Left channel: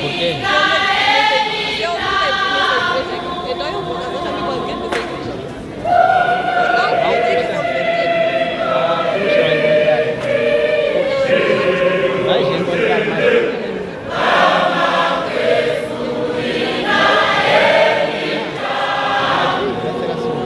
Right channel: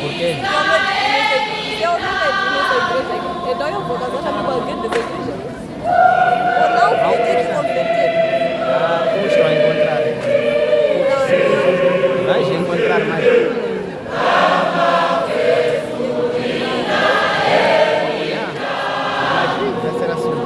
Por quê? Se eu não tenho nessa igreja, então eu vou casar com a bandido dessa igreja. Eu não fui de converter. Como estão a encontrar? Vais encontrar mais. Vai ser assim.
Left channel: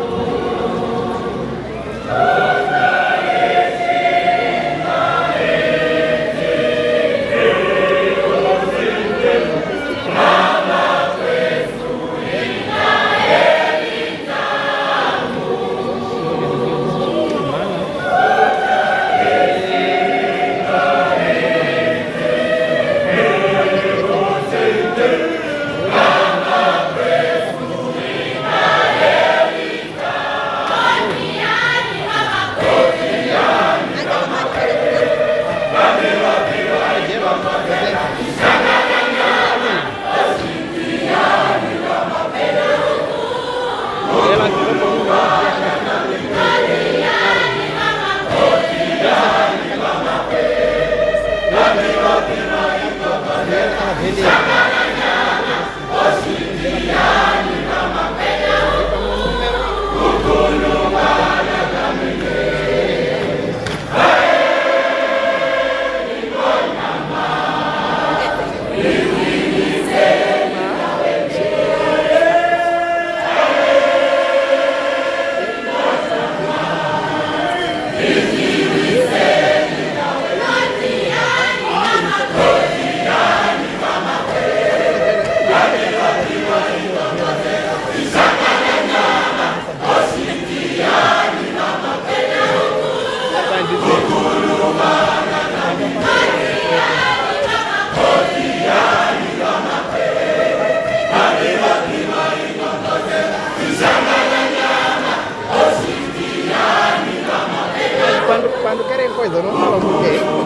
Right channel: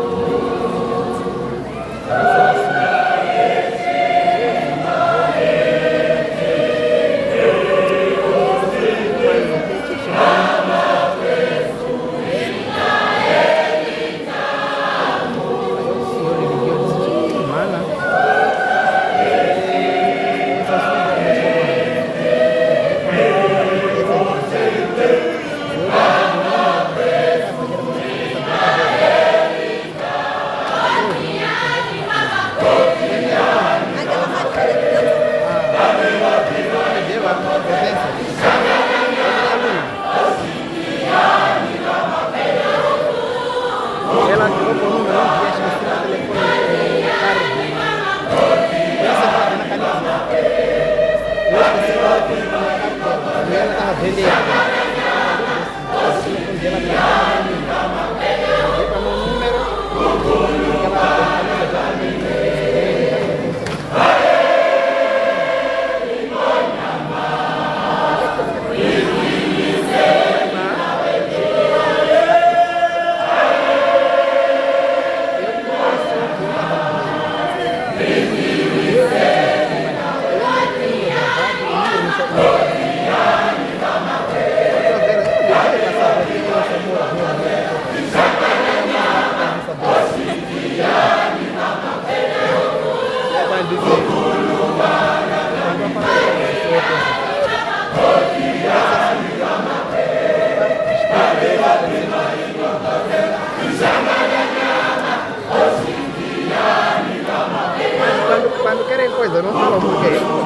Ela tirou por um grande e acho que está no telefone do carro. Pensa que está na caneta. Eu esqueci o telefone do carro e ela estava vendendo. O telefone dela para mim. Liguei para o meu número. Quando querem coisa, não falam muito.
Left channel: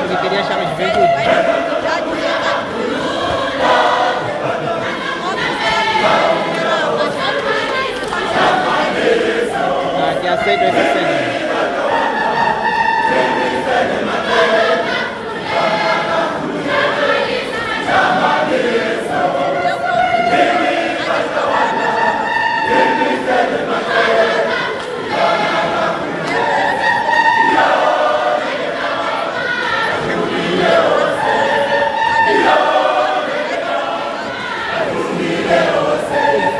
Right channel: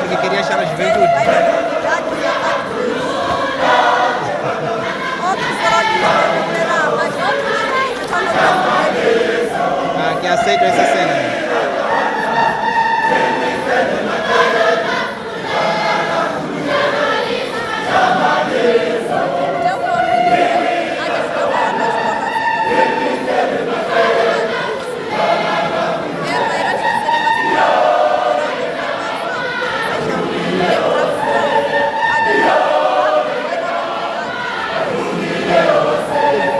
Porque queria achar a juventude. Que aceitam essa cena.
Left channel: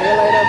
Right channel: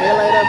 Ela era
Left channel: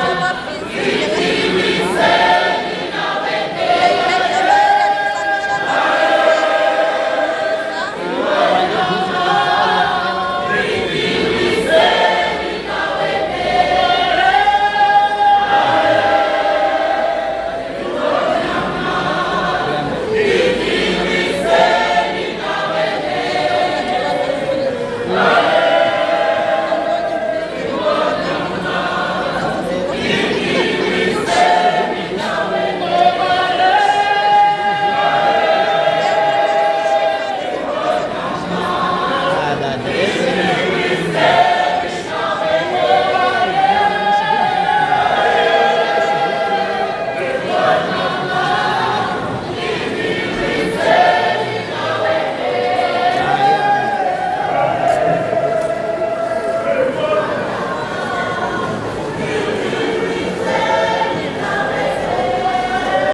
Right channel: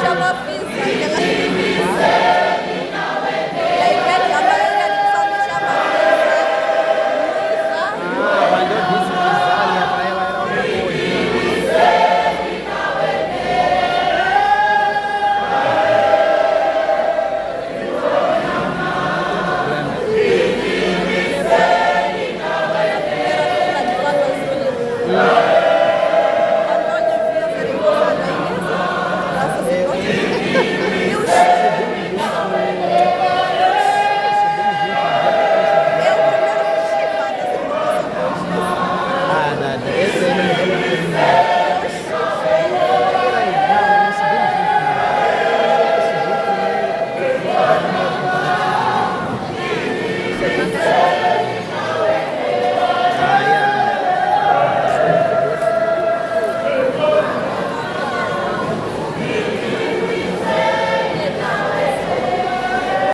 Chama a